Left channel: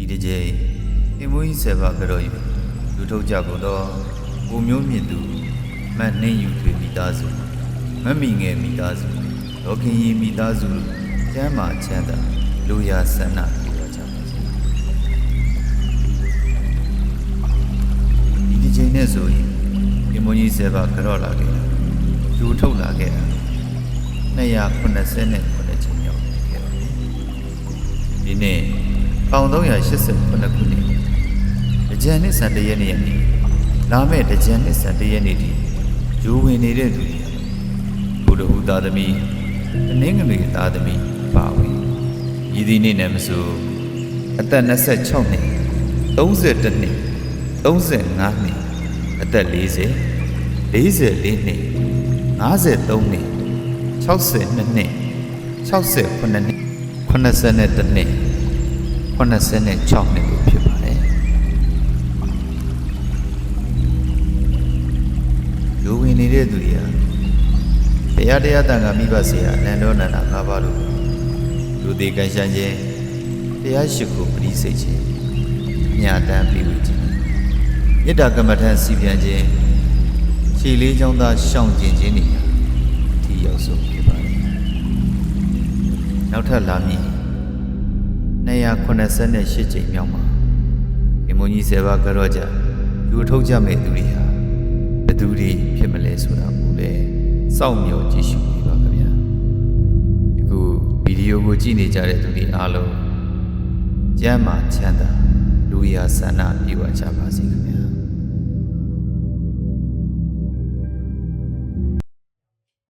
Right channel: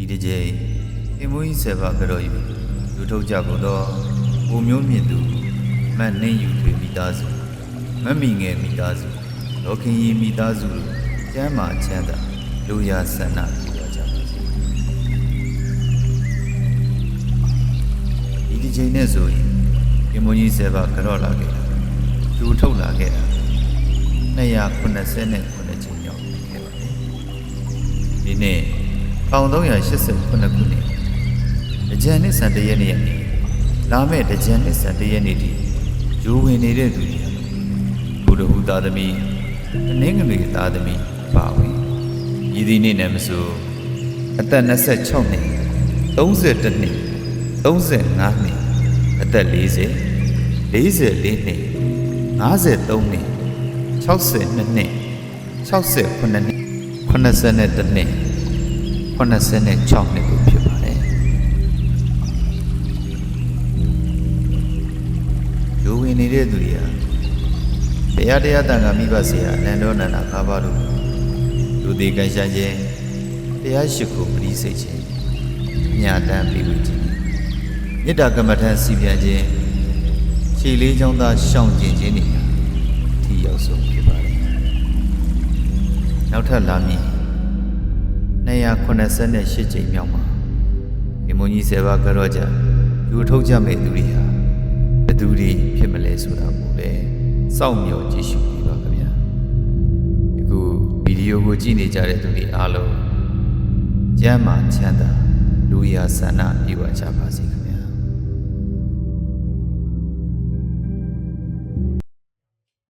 ဒီတစ်ကြိမ်အင်မွေးဆေဘာကြော်ယူလူထုတ်ကြကုန်သောကိုမျိုးမြင့်သူမတ်နှင်းယူထွေမိသားစုမတ်မီငယ်မိသားစုဒေါခင်ရီမိသားစုတို့ကျမ်းမာချမ်းသာလူရာဆန္ဒပြုကြကြပါစေဒီတစ်ကြိမ်နဲ့ဆိုရင်အင်မွေးဆေဘာကြော်လာခဲ့တာလူထုတ်လာခဲ့တာ289ချိန်ရောက်ခဲ့ပါတယ်ဒီနေ့ 1388ခုနှစ်တကြံနှစ်ဆန်တရက်နေ့ရက်နေ့လာမဲ့တကြံနှစ်ဆန်တရက်နေ့ဒီဂျိုးဝင်နေတဲ့သူတွေဘုဒ္ဓဟူသားသမီးတနင်္ဂနွေသားသမီးပါဝင်ဤဒီနေ့နဲ့မဆိုအသက်26နှစ်32နှစ်35နှစ်အသက်40 44နှစ်53နှစ်62နှစ်68နှစ်81နှစ် 86နှစ်ကိုဖြစ်ပါတယ်။ရိုးဝင်နေတဲ့သူတွေဟာတရားတရားတန်ခါမိဘဆရာအနန္တောနန္ဒငါးပါးတို့လူသေးကန်ရှမ်းခြင်းတရားရှိခိုးပရိစိတ်ခြင်းညာတမ်းပြီးဝခြင်းမေတ္တာကမ္မထံစီပြန်ခြင်းခြေလေးချောင်းသားရှောင်ကျင်ခြင်းတွေဟာအထီးရောက်ဆုံးဖြစ်ပါတယ်။နောက်ထပ်လာမည် 288ချိန်မြောက်မှာဒီမုန်ကြီးဆယ်ပါးကြောကြလူထုတ်ကြမဲ့သူတွေဟာဘယ်သူတွေဖြစ်မလဲဆိုတာကိုလည်းစောင့်မျှော်ကြည့်ရှုနေပါခင်ဗျာဒီခုဗီဒီယိုကိုကြည့်နေကြတဲ့သူတွေအားလုံးကျမ်းမာချမ်းသာလူရာဆန္ဒပြေဝကြပါစေခင်ဗျာ